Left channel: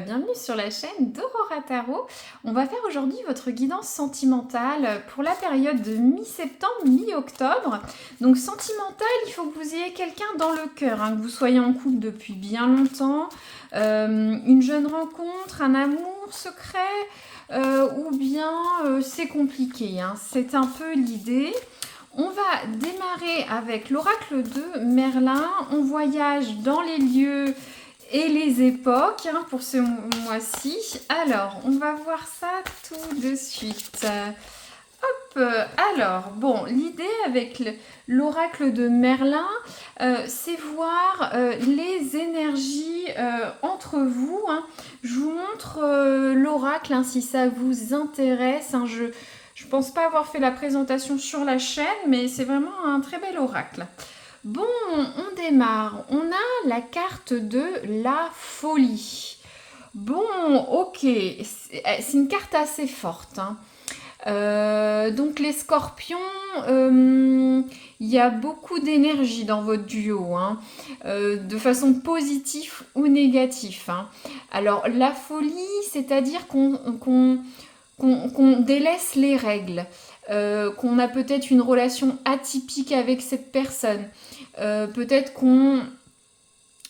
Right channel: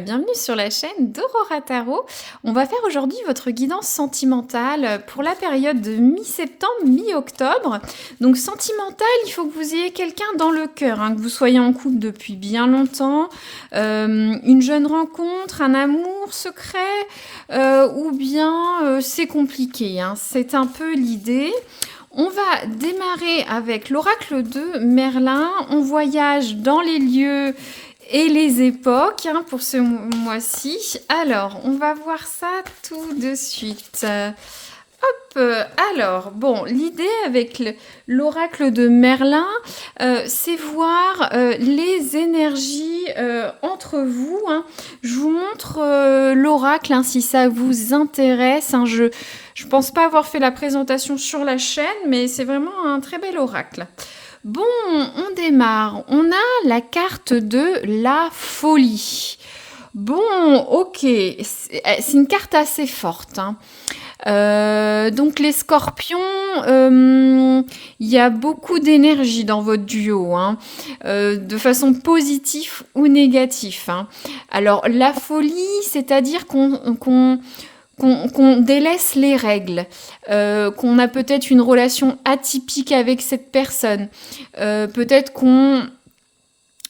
Bienvenue sur la chaîne d'Aurora Tarot. On va faire aujourd'hui votre guidance sentimentale pour la période de mi-septembre, mi-octobre. Donc sentimentale, il faut que vous ayez quelqu'un dans le cœur, que vous soyez en couple depuis bien longtemps, une jeune rencontre, un amour secret, ou bien c'est compliqué. C'est un peu l'idée. On va démarrer avec l'oracle de Merlin. On voyage dans les lieux et les époques pour ce mois-ci. Alors, on va voir ça tout de suite. Alors, bon, l'idée avec l'oracle de Merlin, c'est voir les énergies entre vous. Je vous montre l'oracle si ça vous intéresse. Je pense pas avoir fait la présentation sur la chaîne, mais c'est vraiment un très bel oracle. Bon, on démarre. On a la carte de la folie. Bon, ok, c'est une carte assez forte. Donc les scorpions, il y a beaucoup d'énergie dans votre duo, de façon positive ou négative. Alors la folie, c'est-à-dire qu'on délaisse les règles, qu'on a peut-être une relation atypique avec cette personne, peut-être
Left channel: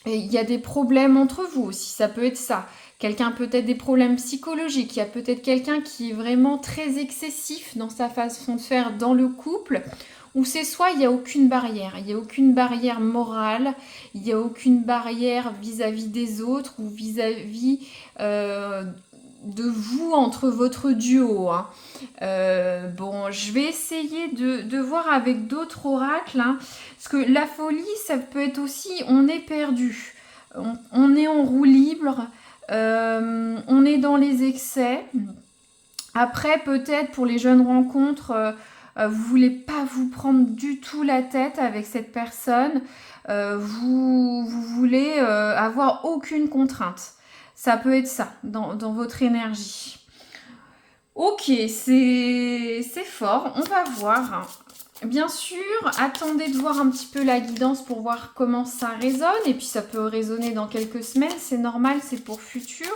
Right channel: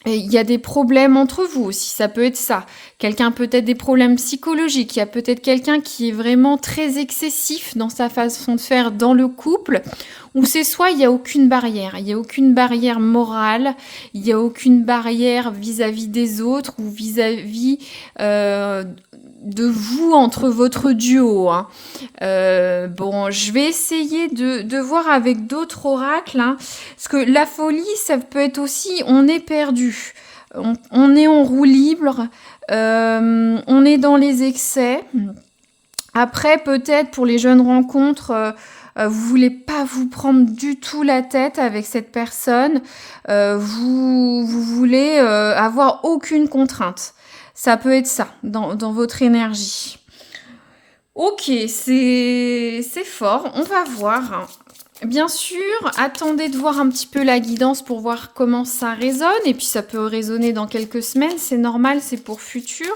il y a des problèmes entre vous aussi, ça peut être ça. Quelqu'un peut-être des problèmes psychologiques, il y a peut-être quelqu'un qui est vraiment très excessif dans sa façon de faire dans le couple, ou c'est soit il n'y a aucune barrière, il n'y a aucune barrière morale, il n'y a aucune barrière vis-à-vis des autres ou vis-à-vis de vous entre votre duo. Bon, je vais essayer de voir avec d'autres oracles, parce que la folie, ça peut être aussi, on est perdu, on est en roue libre, on est dans les excès. Après, peut-être pour les jeunes rencontres, vous voulez pas vous prendre du tout la tête avec cette personne, vous voulez avoir aucune contrainte. Ça peut être ça, dans votre énergie. Ok, c'est fort, on va voir. Bien sûr, attendez de voir un petit peu la guidance pour voir comment ça résonne. Et puis ça peut résonner dans quelques semaines, c'est normal, c'est pour futur.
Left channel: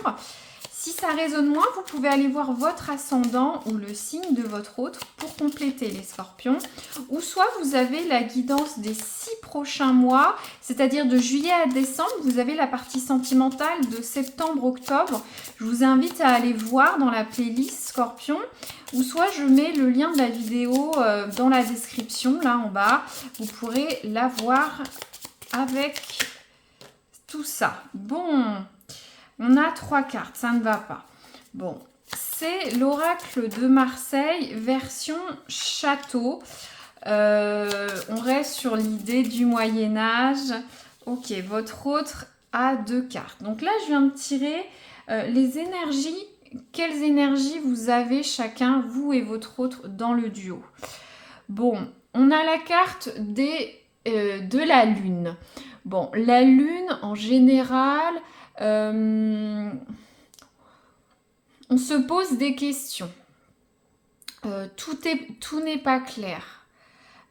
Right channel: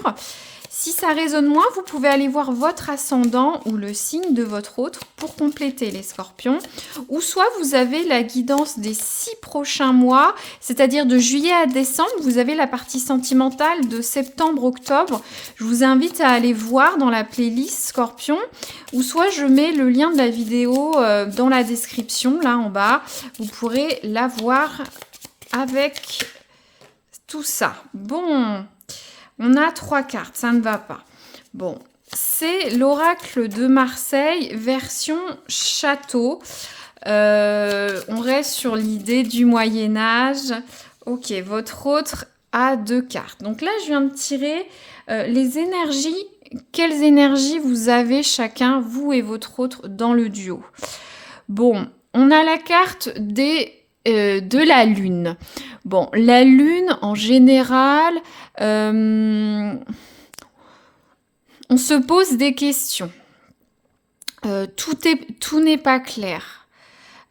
Si ça résonne moins, vous pouvez aller voir votre ascendant ou le signe de votre autre pour compléter les scorpions. Ou soit vous avez la guidance des 6 prochains mois, c'est-à-dire de juillet à décembre. Vous avez la partie sentimentale de septembre-octobre. Je vous invite à aller voir dans la playlist scorpion. Ou soit je mets le lien de la vidéo dans la description, là en bas. Vous pourrez la voir avec tout ça. Bon... On a 3 cartes, ça ne va pas. Bon, c'est l'oracle de Marseille, version château. On reste sur l'idée du Moyen-Âge. Ok, votre autre a 2 cartes. Donc là, je viens de tirer les énergies. Quelles énergies vous avez chacun, vous et votre autre, dans le duo? Bon, on a la carte de la lune. Bon, la lune, en général, on se pose des questions. Tout n'est pas clair.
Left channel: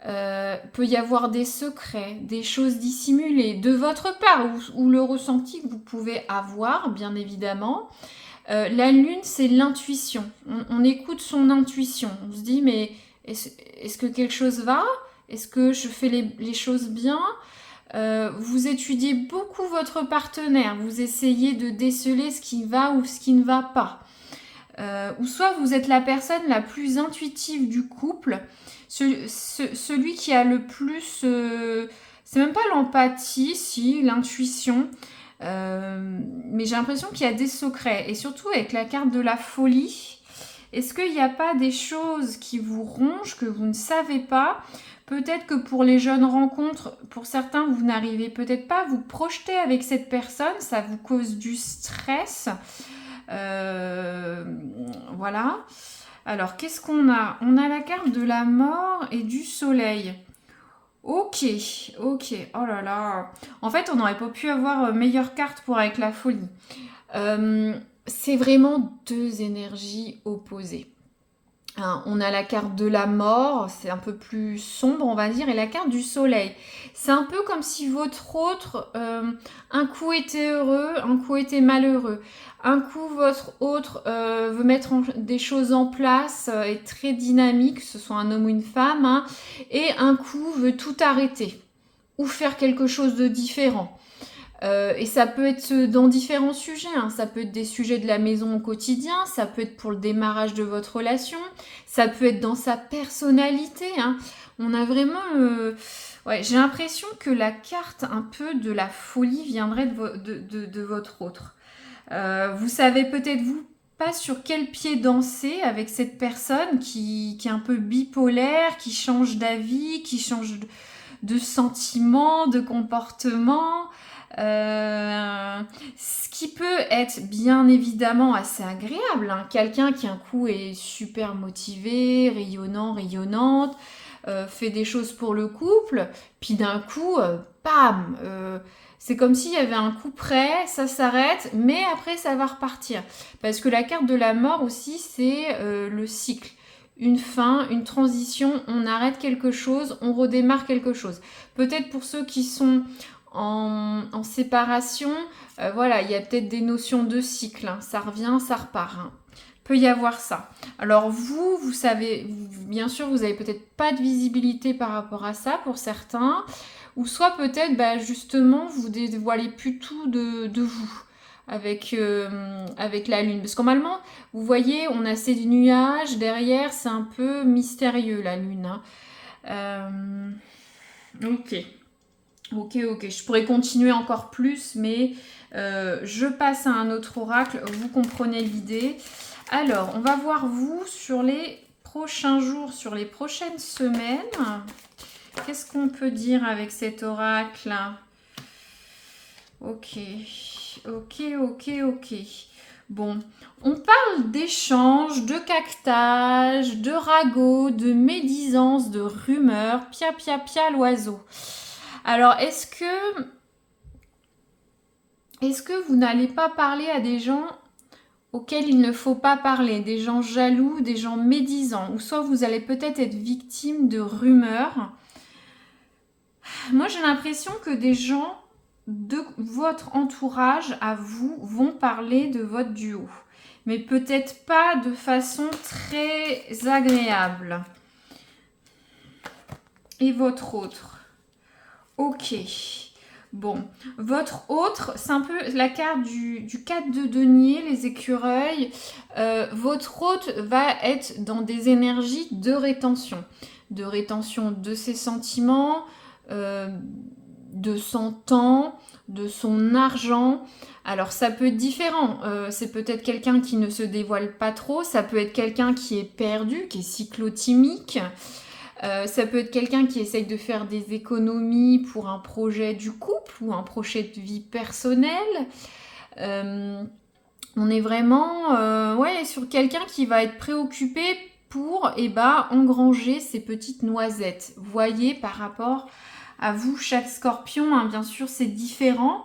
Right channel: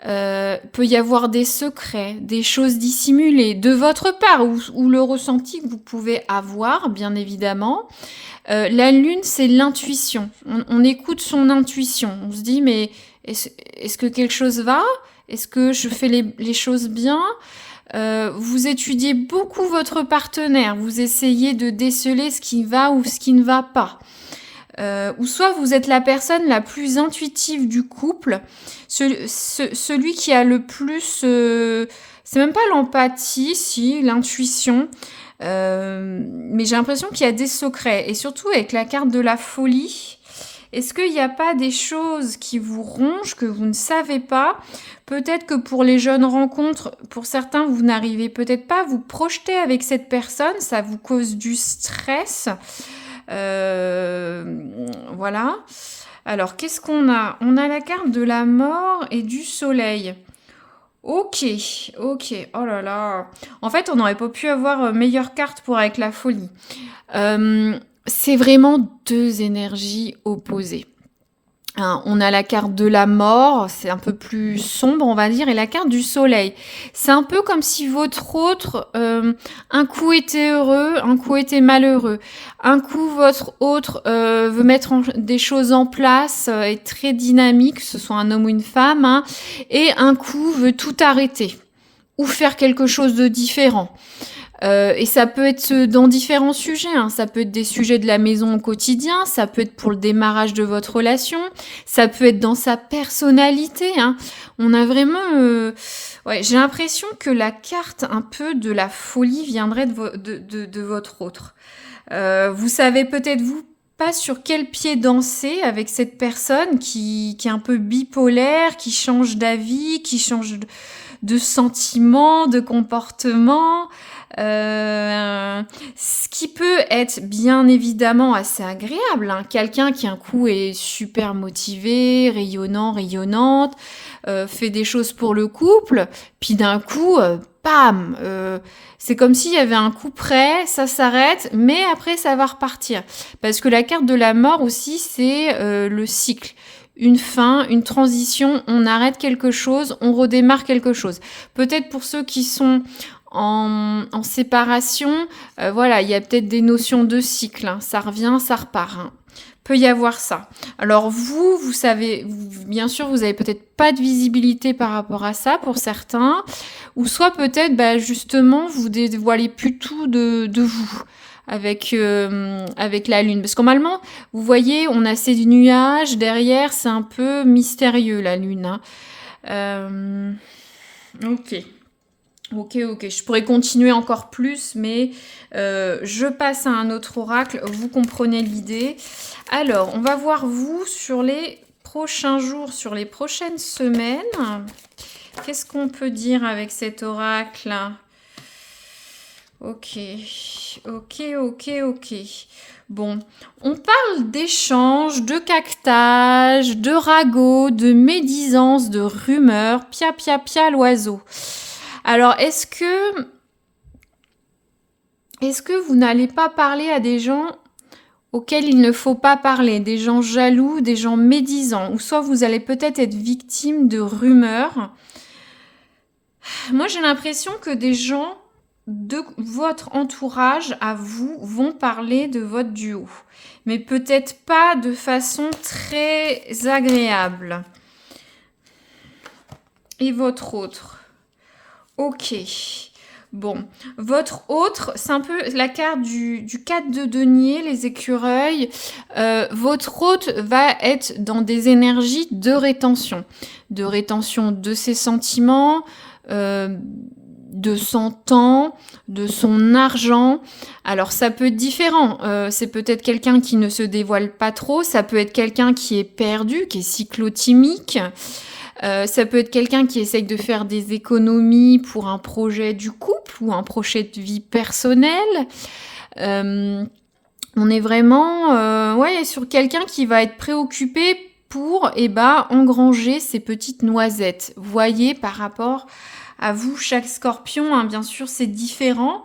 Peut y avoir des secrets, des choses dissimulées de votre part ou le ressenti que vous pouvez avoir, bien évidemment. La lune, c'est l'intuition. On écoute son intuition. On se dit, mais est-ce que quelque chose va? Est-ce que je fais les choses bien? Vous étudiez beaucoup votre partenaire. Vous essayez de déceler ce qui va ou ce qui ne va pas. Ou soit vous êtes la personne la plus intuitive du couple, celui qui a le plus... c'est même pas l'empathie, si, l'intuition. Mais j'ai l'impression qu'il y a des secrets. Et surtout avec la carte de la folie, est-ce qu'il n'y a pas des choses qui vous rongent, que vous ne savez pas? Peut-être que pour les jeunes rencontres, pour certains, vous n'arrivez peut-être pas à vous projeter avec cette personne, ça vous cause du stress. Voilà. Alors, qu'est-ce qu'on a? On a la carte de la mort et du soleil. Ok, ok, oh là là. En fait, on n'aurait pas pu avoir meilleure carte pour avec la folie. C'est vraiment 2 énergies opposées. Hein, on a la carte de la mort, c'est un peu plus sombre, on va dire, et la carte du soleil. C'est un peu comme si votre autre, un coup était heureux, un coup était malheureux. Un coup, votre autre veut mettre des choses en place, est très dynamique, que ce soit un homme ou une femme, hein, et un coup veut tout arrêter ou faire quelque chose de différent. Et ça peut être dans différents sujets, hein. Ça peut être des sujets de la maison au quotidien, ça peut être pour le démarrage de votre relation, ça peut être dans sa personnalité, hein. On a vraiment... ouais, j'ai l'impression que la carte un peu de la folie viendrait de votre autre. Vous savez peut-être vous pas sur quel pied danser avec cette personne qui est un peu bipolaire, qui change d'avis, qui change de sentiments, de comportement. Ce qui peut être bien évidemment assez agréable, hein. Quelqu'un qui un coup est super motivé, rayonnant, rayonnante, fait des choses pour le couple, puis d'un coup, bam, c'est comme s'il y avait un coup près, ça s'arrête, mais après ça va repartir. Parce que la carte de la mort aussi, c'est le cycle. Une fin, une transition, on arrête quelque chose, on redémarre quelque chose. Peut-être pour ceux qui sont en séparation, voilà, il y a peut-être des notions de cycle, hein. Ça revient, ça repart, hein. Peut y avoir ça. Alors vous savez, bien sûr, vous avez peut-être pas de visibilité par rapport à ça pour certains, ou soit peut-être, bah, justement, vous dévoilez plus tout de vous avec la lune. Parce que normalement, vous voyez, on a ces nuages derrière, c'est un peu mystérieux la lune, hein. Ok. Ok, ok, je pourrais continuer encore plus, mais je passe à un autre oracle, vous comprenez l'idée. Alors, on va voir vous sur les prochains jours, sur les prochaines semaines. Qu'est-ce qu'on peut dire avec cet oracle? Ok, ok, ok, ok. Bon, on parle d'échanges, de caquetage, de ragots, de médisance, de rumeurs, pia pia pia l'oiseau. Alors, est-ce que vous n'allez pas parler à des gens auxquels il ne faut pas parler, des gens jaloux, des gens médisants, ou soit vous allez peut-être être victime de rumeurs. Moi, j'ai l'impression que des gens de votre entourage à vous vont parler de votre duo, mais peut-être pas de façon très agréable. Et votre autre? Ok. Bon, votre autre, c'est un peu la carte du 4 de denier, les écureuils. Votre autre va être dans des énergies de rétention de ses sentiments, de son temps, de son argent. Alors ça peut être différent. C'est peut-être quelqu'un qui ne se dévoile pas trop, ça peut être quelqu'un qui est perdu, qui est cyclotimique. Ça peut être quelqu'un qui essaye de faire des économies pour un projet du couple ou un projet de vie personnelle. On est vraiment ouais, sur quelqu'un qui va être préoccupé pour engranger ses petites noisettes. Voyez par rapport à vous, chaque scorpion, hein, bien sûr, c'est différent.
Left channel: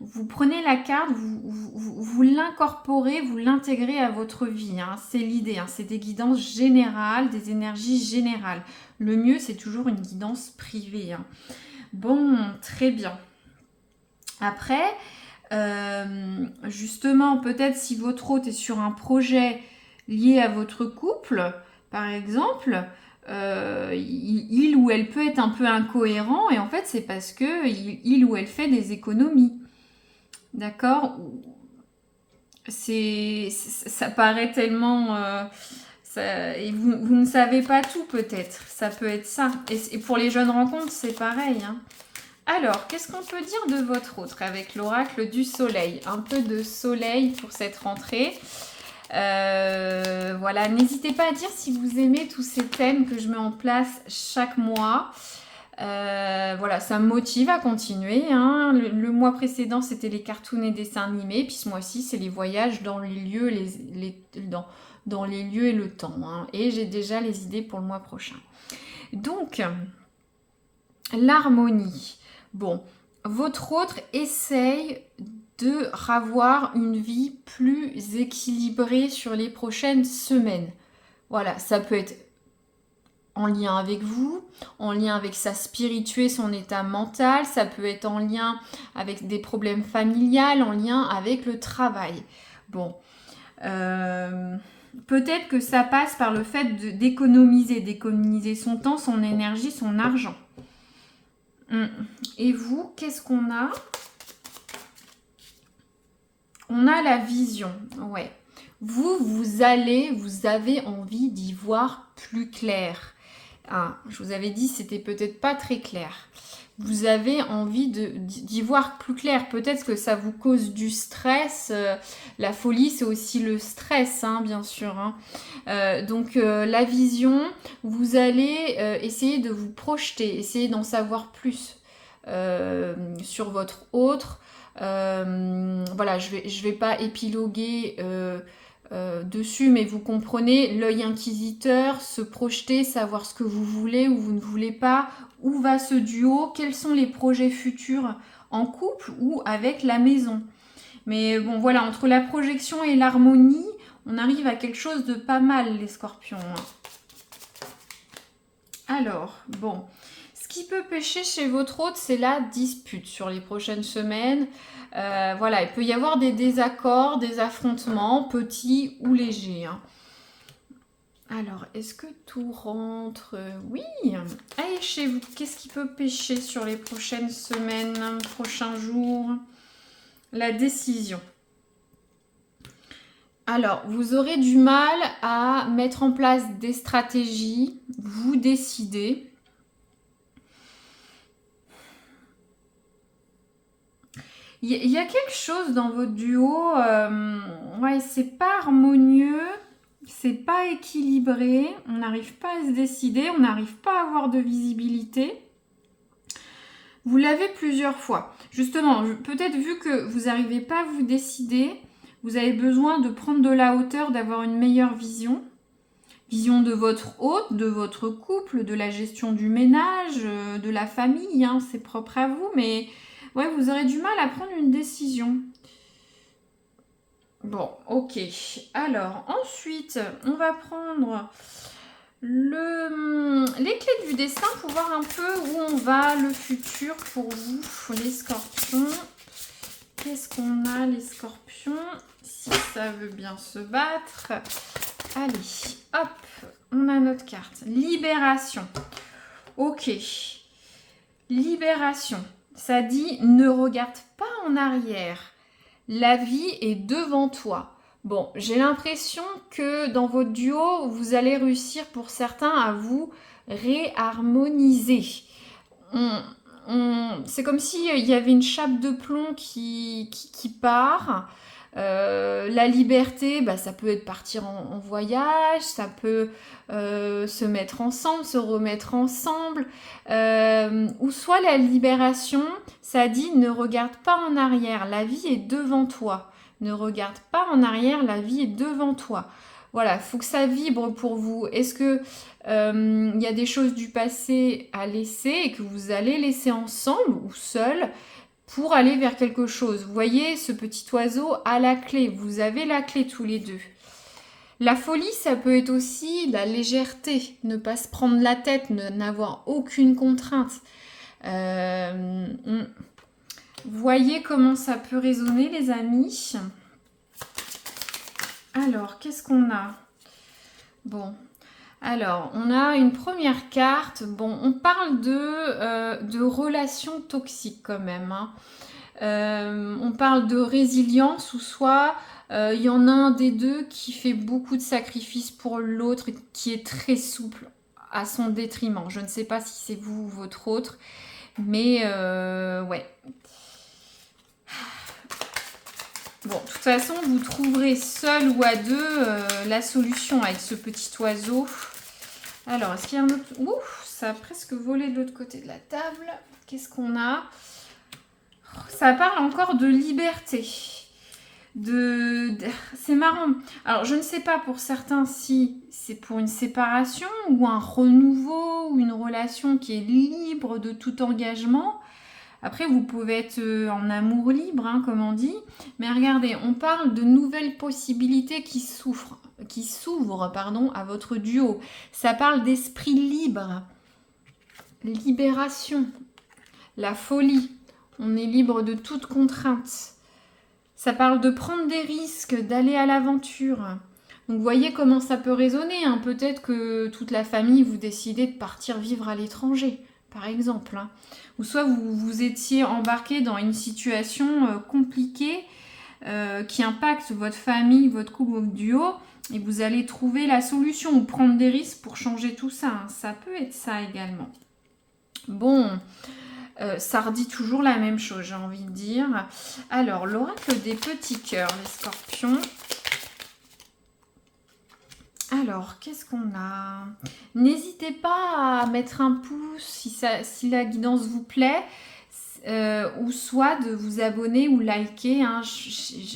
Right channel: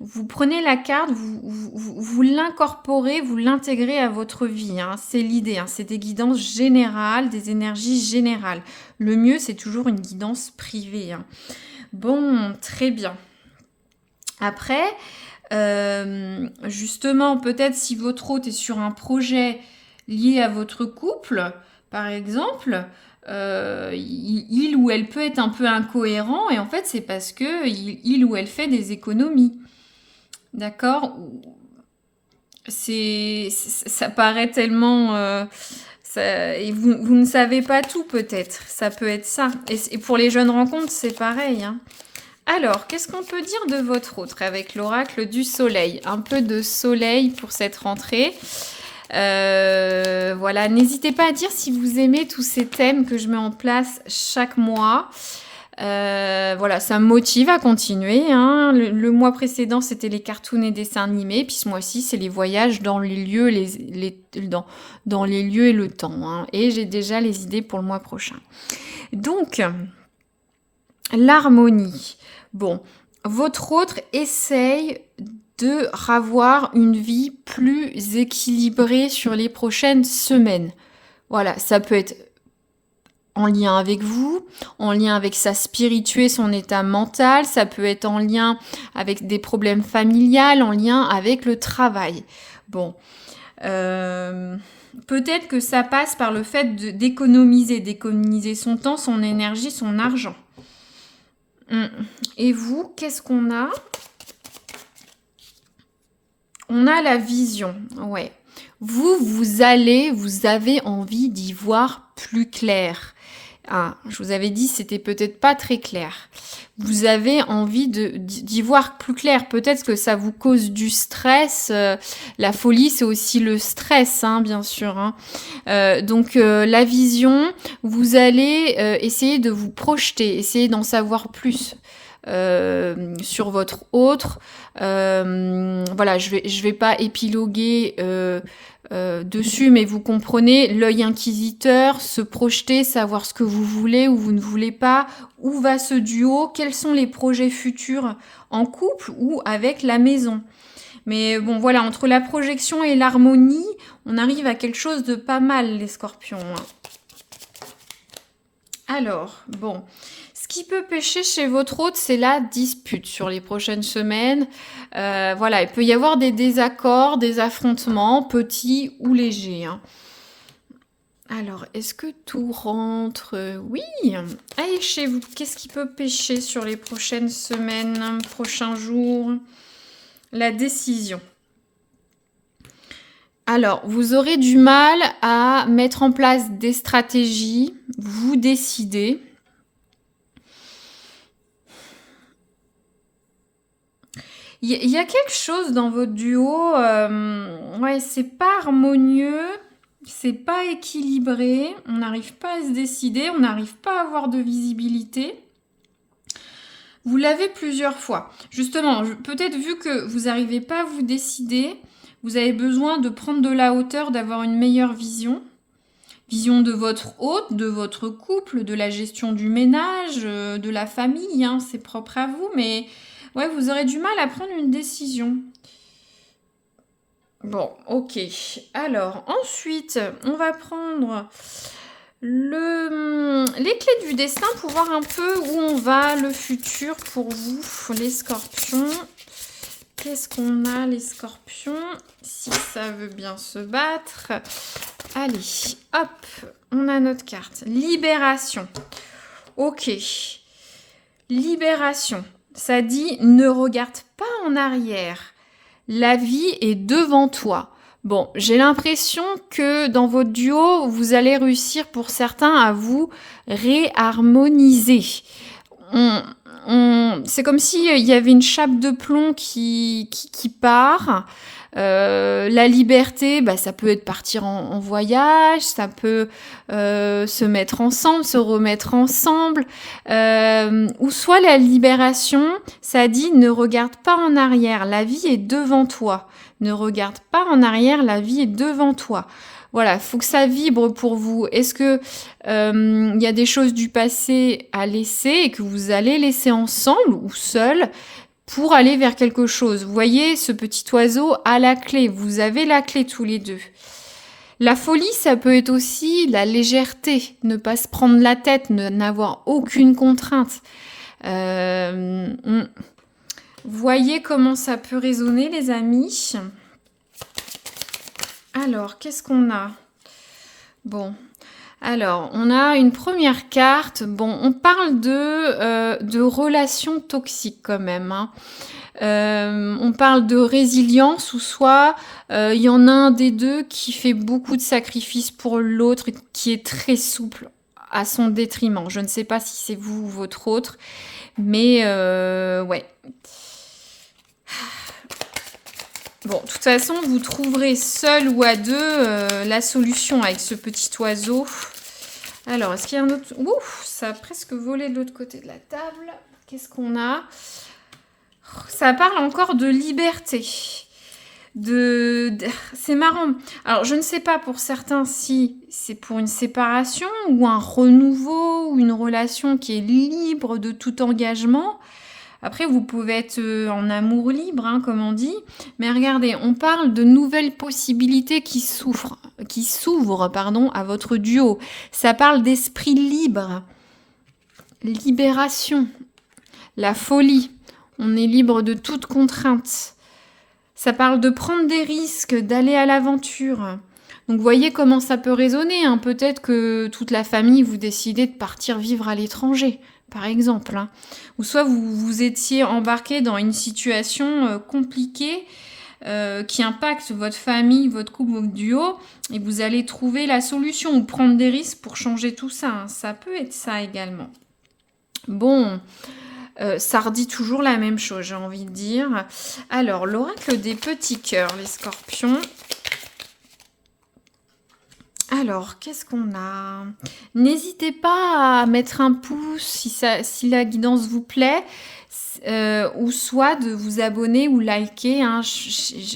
Vous prenez la carte, vous l'incorporez, vous l'intégrez à votre vie, hein. C'est l'idée, hein. C'est des guidances générales, des énergies générales. Le mieux, c'est toujours une guidance privée, hein. Bon, très bien. Après, justement, peut-être si votre hôte est sur un projet lié à votre couple, par exemple, il ou elle peut être un peu incohérent et en fait, c'est parce que il ou elle fait des économies. D'accord? Ça paraît tellement... et vous ne savez pas tout peut-être. Ça peut être ça. Et pour les jeunes rencontres, c'est pareil, hein. Alors, qu'est-ce qu'on peut dire de votre autre avec l'oracle du soleil? Un peu de soleil pour cette rentrée. Voilà, n'hésitez pas à dire si vous aimez tous ces thèmes que je mets en place chaque mois. Voilà, ça me motive à continuer, hein. Le mois précédent, c'était les cartoons et dessins animés. Puis ce mois-ci, c'est les voyages dans les lieux, dans les lieux et le temps, hein. Et j'ai déjà les idées pour le mois prochain. Donc, l'harmonie. Bon, votre autre essaye de ravoir une vie plus équilibrée sur les prochaines semaines. Voilà, ça peut être en lien avec vous, en lien avec sa spiritualité, son état mental, ça peut être en lien avec des problèmes familiales, en lien avec le travail. Bon, peut-être que ça passe par le fait d'économiser son temps, son énergie, son argent. Et vous, qu'est-ce qu'on a? On a la vision, ouais. Vous avez envie d'y voir plus clair. Ah, je vous avais dit, c'était peut-être pas très clair. Vous avez envie d'y voir plus clair. Peut-être que ça vous cause du stress. La folie, c'est aussi le stress, hein, bien sûr. Hein. Donc, la vision, vous allez essayer de vous projeter, essayer d'en savoir plus. Sur votre autre. Voilà, je vais pas épiloguer dessus, mais vous comprenez, l'œil inquisiteur, se projeter, savoir ce que vous voulez ou vous ne voulez pas, où va ce duo, quels sont les projets futurs en couple ou avec la maison. Mais bon, voilà, entre la projection et l'harmonie, on arrive à quelque chose de pas mal, les scorpions. Alors, bon, ce qui peut pêcher chez votre hôte, c'est la dispute sur les prochaines semaines. Voilà, il peut y avoir des désaccords, des affrontements, petits ou légers. Hein. Alors, est-ce que tout rentre? Oui. Allez, chez vous, qu'est-ce qui peut pêcher sur les prochaines semaines, prochains jours? La décision. Alors, vous aurez du mal à mettre en place des stratégies, vous décidez. Il y a quelque chose dans votre duo, ouais, c'est pas harmonieux, c'est pas équilibré, on n'arrive pas à se décider, on n'arrive pas à avoir de visibilité. Vous l'avez plusieurs fois. Justement, peut-être vu que vous n'arrivez pas à vous décider, vous avez besoin de prendre de la hauteur, d'avoir une meilleure vision. Vision de votre hôte, de votre couple, de la gestion du ménage, de la famille, hein, c'est propre à vous, mais ouais, vous aurez du mal à prendre une décision. Bon, ok. Alors, ensuite, on va prendre les clés du destin pour voir un peu où on va, le futur pour vous, les scorpions. Qu'est-ce qu'on a, les scorpions? Si ça veut bien se battre. Allez, hop, on a notre carte. Libération. Ok. Libération. Ça dit, ne regarde pas en arrière. La vie est devant toi. Bon, j'ai l'impression que dans votre duo, vous allez réussir pour certains à vous réharmoniser. C'est comme s'il y avait une chape de plomb qui part. La liberté, bah, ça peut être partir en voyage, ça peut se mettre ensemble, se remettre ensemble. Ou soit la libération, ça dit ne regarde pas en arrière, la vie est devant toi. Ne regarde pas en arrière, la vie est devant toi. Voilà, il faut que ça vibre pour vous. Est-ce que y a des choses du passé à laisser et que vous allez laisser ensemble ou seul pour aller vers quelque chose? Vous voyez, ce petit oiseau a la clé. Vous avez la clé tous les deux. La folie, ça peut être aussi la légèreté. Ne pas se prendre la tête, n'avoir aucune contrainte. Voyez comment ça peut résonner, les amis. Alors, qu'est-ce qu'on a? Bon, alors, on a une première carte. Bon, on parle de relations toxiques quand même. Hein. On parle de résilience ou soit il y en a un des deux qui fait beaucoup de sacrifices pour l'autre, qui est très souple à son détriment. Je ne sais pas si c'est vous ou votre autre, mais ouais. Bon, de toute façon, vous trouverez seul ou à deux la solution avec ce petit oiseau. Alors, est-ce qu'il y a un autre... Ouf, ça a presque volé de l'autre côté de la table. Qu'est-ce qu'on a? Ça parle encore de liberté. C'est marrant. Alors, je ne sais pas pour certains si c'est pour une séparation ou un renouveau ou une relation qui est libre de tout engagement. Après, vous pouvez être en amour libre, hein, comme on dit. Mais regardez, on parle de nouvelles possibilités qui s'ouvrent, pardon, à votre duo. Ça parle d'esprit libre, libération, la folie. On est libre de toute contrainte. Ça parle de prendre des risques, d'aller à l'aventure. Donc, voyez comment ça peut résonner, hein. Peut-être que toute la famille, vous décidez de partir vivre à l'étranger, par exemple, hein. Ou soit vous étiez embarqué dans une situation compliquée qui impacte votre famille, votre couple, votre duo, et vous allez trouver la solution ou prendre des risques pour changer tout ça, hein. Ça peut être ça également. Bon, ça redit toujours la même chose, j'ai envie de dire. Alors, l'oracle des petits cœurs, les scorpions. Alors, qu'est-ce qu'on a? N'hésitez pas à mettre un pouce si la guidance vous plaît, ou soit de vous abonner ou liker, hein,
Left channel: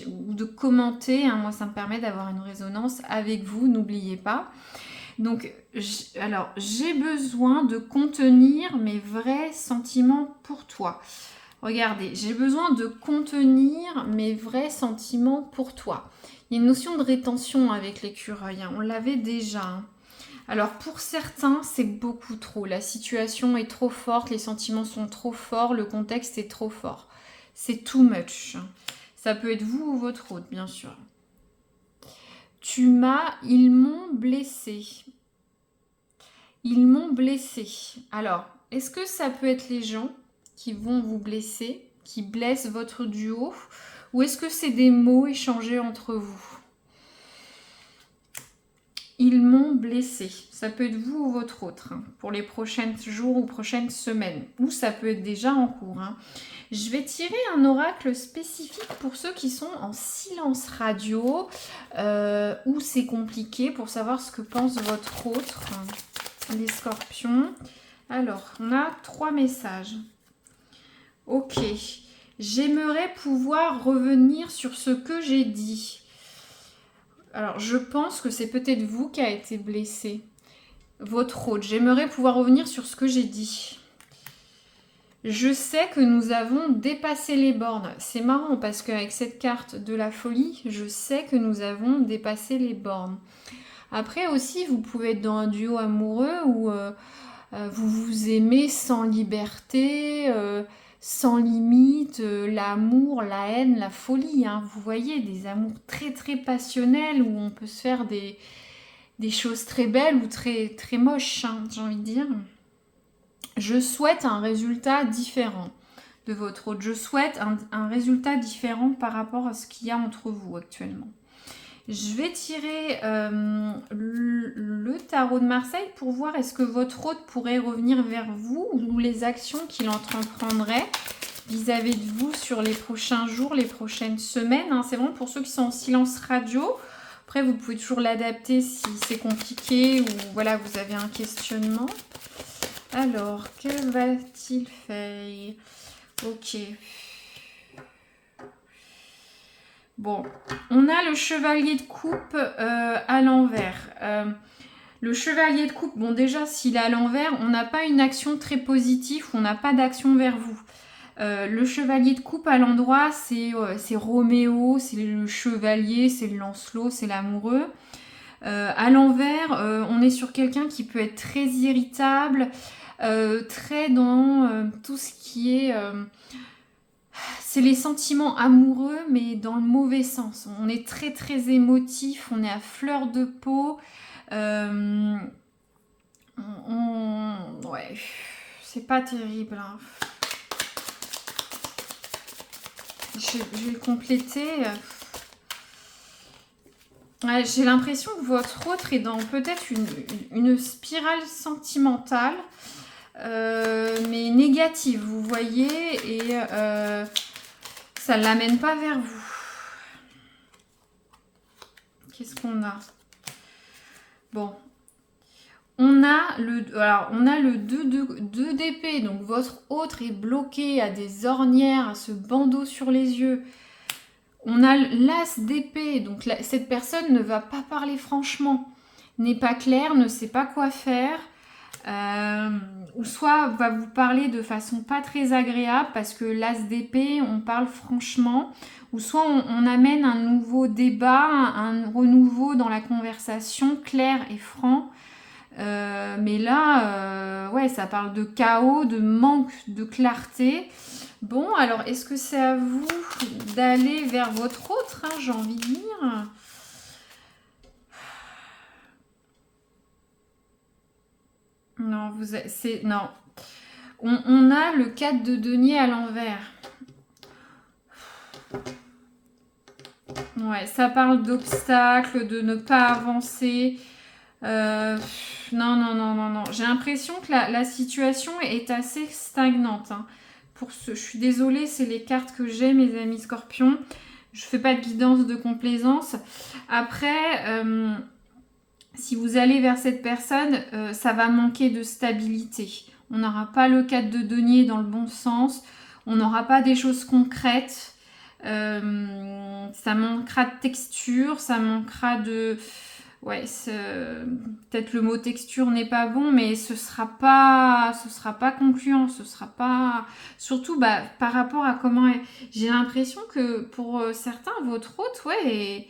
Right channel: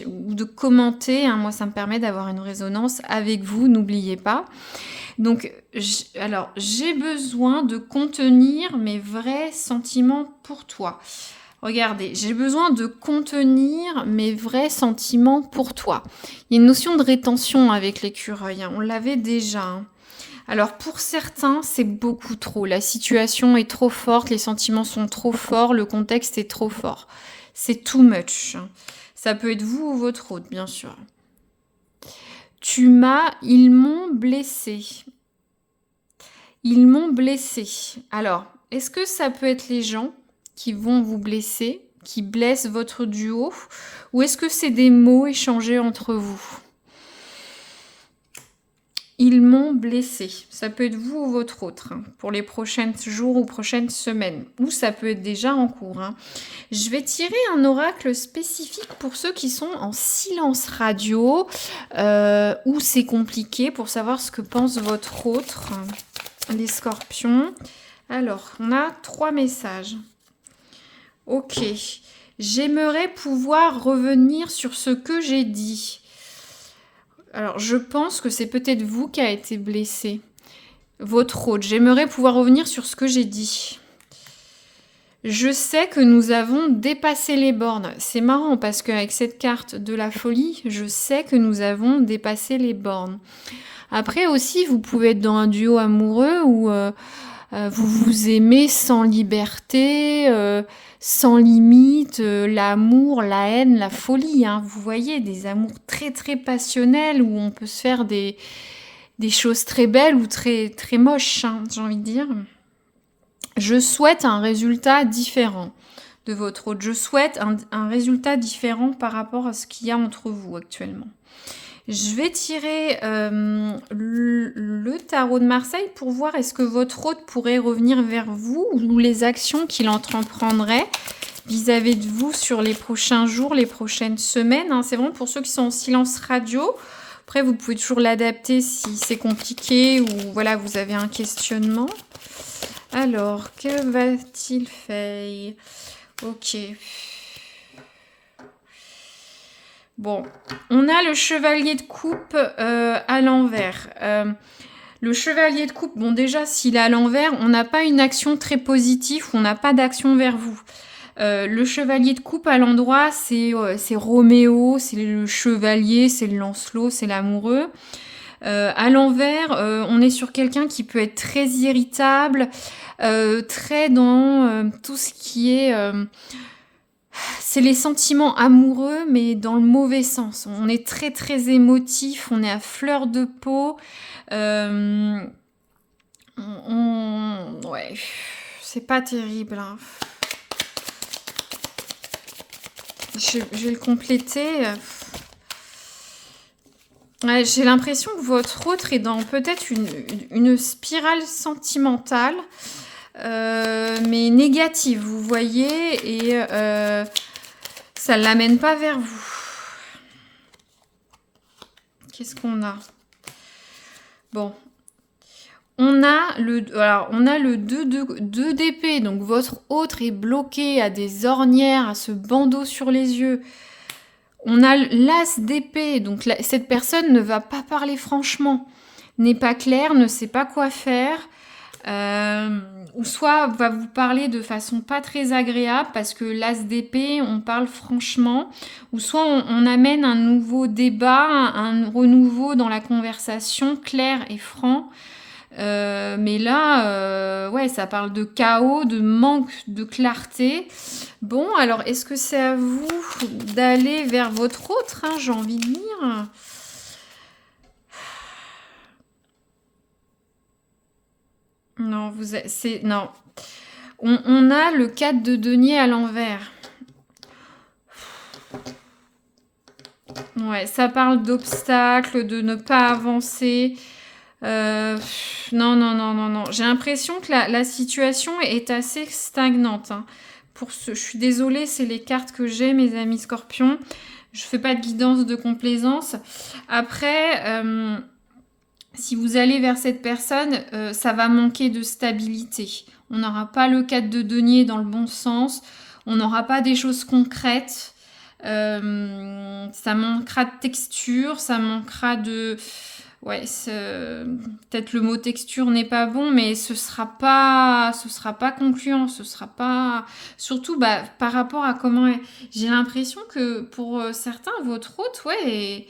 ou de commenter, hein. Moi, ça me permet d'avoir une résonance avec vous, n'oubliez pas. Donc, j'ai besoin de contenir mes vrais sentiments pour toi. Regardez, j'ai besoin de contenir mes vrais sentiments pour toi. Il y a une notion de rétention avec l'écureuil, hein. On l'avait déjà, hein. Alors pour certains, c'est beaucoup trop. La situation est trop forte, les sentiments sont trop forts, le contexte est trop fort. C'est too much, hein. Ça peut être vous ou votre autre, bien sûr. Ils m'ont blessé. Ils m'ont blessé. Alors, est-ce que ça peut être les gens qui vont vous blesser, qui blessent votre duo, ou est-ce que c'est des mots échangés entre vous? Ils m'ont blessé. Ça peut être vous ou votre autre, hein, pour les prochains jours ou prochaines semaines, ou ça peut être déjà en cours, hein. Je vais tirer un oracle spécifique pour ceux qui sont en silence radio, où c'est compliqué pour savoir ce que pense votre autre, les scorpions. Alors, on a 3 messages. Ok, j'aimerais pouvoir revenir sur ce que j'ai dit. Alors, je pense que c'est peut-être vous qui a été blessé. Votre autre, j'aimerais pouvoir revenir sur ce que j'ai dit. Je sais que nous avons dépassé les bornes. C'est marrant parce qu'avec cette carte de la folie, je sais que nous avons dépassé les bornes. Après aussi, vous pouvez être dans un duo amoureux où vous vous aimez sans liberté, sans limite, l'amour, la haine, la folie, hein. Vous voyez, des amours très très passionnels où on peut se faire des choses très belles ou très très moches, hein, j'ai envie de dire. Je souhaite un résultat différent de votre autre. Je souhaite un résultat différent par rapport à ce qu'il y a entre vous actuellement. Je vais tirer le tarot de Marseille pour voir est-ce que votre hôte pourrait revenir vers vous ou les actions qu'il entreprendrait vis-à-vis de vous sur les prochains jours, les prochaines semaines, hein. C'est vraiment pour ceux qui sont en silence radio. Après, vous pouvez toujours l'adapter si c'est compliqué ou voilà, vous avez un questionnement. Alors, que va-t-il faire? Ok. Bon, on a le chevalier de coupe à l'envers. Le chevalier de coupe, bon déjà, s'il est à l'envers, on n'a pas une action très positive, on n'a pas d'action vers vous. Le chevalier de coupe à l'endroit, c'est Roméo, c'est le chevalier, c'est le Lancelot, c'est l'amoureux. À l'envers, on est sur quelqu'un qui peut être très irritable, très dans tout ce qui est... c'est les sentiments amoureux, mais dans le mauvais sens. On est très très émotif, on est à fleur de peau. Ouais, c'est pas terrible, hein. Je vais le compléter. Ouais, j'ai l'impression que votre autre est dans peut-être une spirale sentimentale, mais négative, vous voyez, et ça ne l'amène pas vers vous. Qu'est-ce qu'on a? Bon. On a le 2 d'épée, donc votre autre est bloqué à des ornières, à ce bandeau sur les yeux. On a l'as d'épée, donc cette personne ne va pas parler franchement, n'est pas claire, ne sait pas quoi faire. ou soit va vous parler de façon pas très agréable parce que l'as d'épée, on parle franchement, ou soit on amène un nouveau débat, un renouveau dans la conversation clair et franc. Mais là, ouais, ça parle de chaos, de manque de clarté. Bon, alors est-ce que c'est à vous d'aller vers votre autre, hein, j'ai envie de dire. Non, non. On a le 4 de denier à l'envers. Ouais, ça parle d'obstacles, de ne pas avancer. Non, non, non, non, non. J'ai l'impression que la situation est assez stagnante, hein. Je suis désolée, c'est les cartes que j'ai, mes amis scorpions. Je fais pas de guidance de complaisance. Après, si vous allez vers cette personne, ça va manquer de stabilité. On n'aura pas le 4 de denier dans le bon sens. On n'aura pas des choses concrètes. Ça manquera de texture, ça manquera de... Ouais, peut-être le mot texture n'est pas bon, mais ce sera pas concluant, ce sera pas... Surtout par rapport à comment... J'ai l'impression que pour certains, votre hôte, ouais,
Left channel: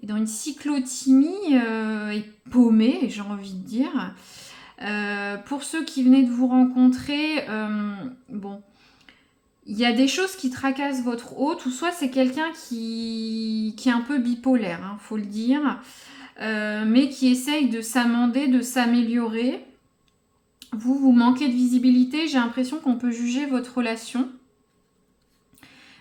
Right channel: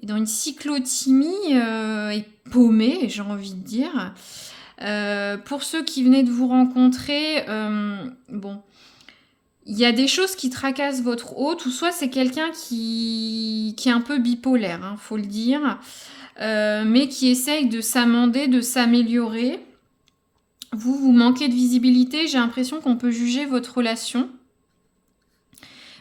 est dans une cyclothymie, est paumé, j'ai envie de dire. Pour ceux qui venaient de vous rencontrer, bon, il y a des choses qui tracassent votre hôte, ou soit c'est quelqu'un qui est un peu bipolaire, hein, faut le dire, mais qui essaye de s'amender, de s'améliorer. Vous manquez de visibilité, j'ai l'impression qu'on peut juger votre relation.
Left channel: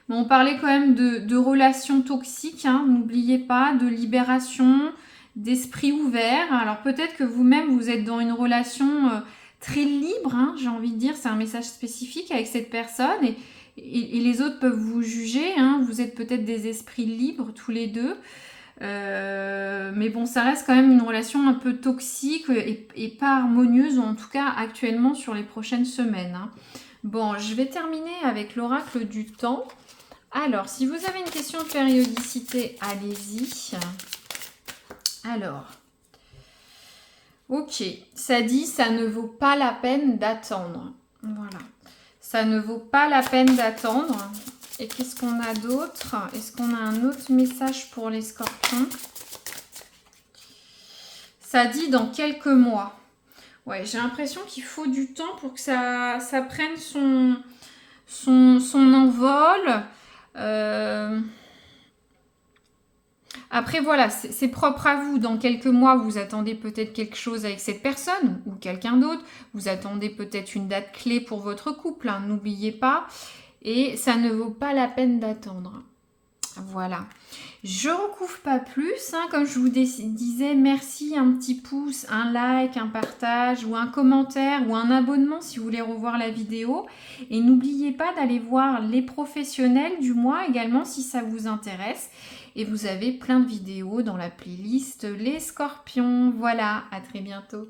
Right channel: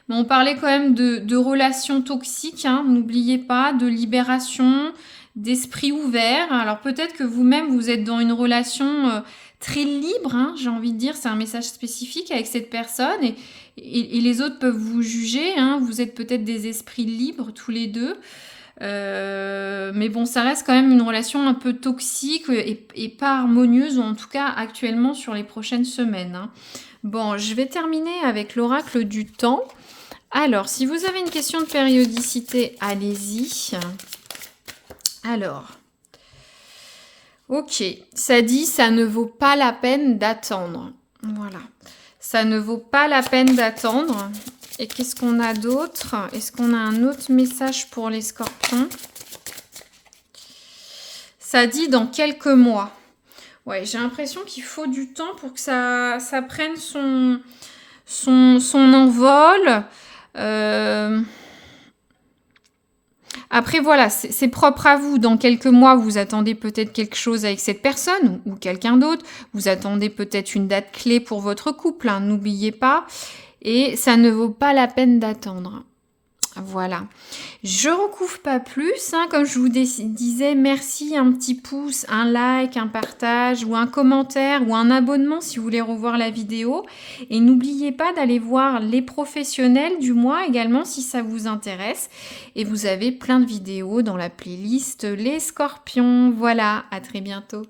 Mais on parlait quand même de relations toxiques, hein, n'oubliez pas, de libération, d'esprit ouvert. Alors peut-être que vous-même, vous êtes dans une relation très libre, hein, j'ai envie de dire, c'est un message spécifique avec cette personne, et les autres peuvent vous juger, hein, vous êtes peut-être des esprits libres tous les deux. Mais bon, ça reste quand même une relation un peu toxique et pas harmonieuse, ou en tout cas actuellement sur les prochaines semaines, hein. Bon, je vais terminer avec l'oracle du temps. Alors, si vous avez une question de périodicité, allez-y. Alors, ok, ça dit ça ne vaut pas la peine d'attendre. Voilà, ça ne vaut pas la peine d'attendre. Et qu'est-ce qu'on a d'autre? Est-ce qu'on a un autre message pour les scorpions? Ça dit dans quelques mois. Ouais, j'ai l'impression qu'il faut du temps pour que ça prenne son envol. Après, voilà, c'est propre à vous. Dans quelques mois, vous attendez peut-être quelque chose avec cette personne ou quelqu'un d'autre. Vous attendez peut-être une date clé pour votre couple, hein, n'oubliez pas. Et ça ne vaut pas la peine d'attendre. Voilà. Je recouvre pas plus, hein, comme je vous disais, merci, un petit pouce, un like, un partage ou un commentaire ou un abonnement si vous voulez revoir la vidéo. Et n'oubliez pas d'aller voir les professionnels du mois également si ça vous intéresse. Et vous avez plein de vidéos dans la playlist Les Scorpions. Voilà, à très bientôt.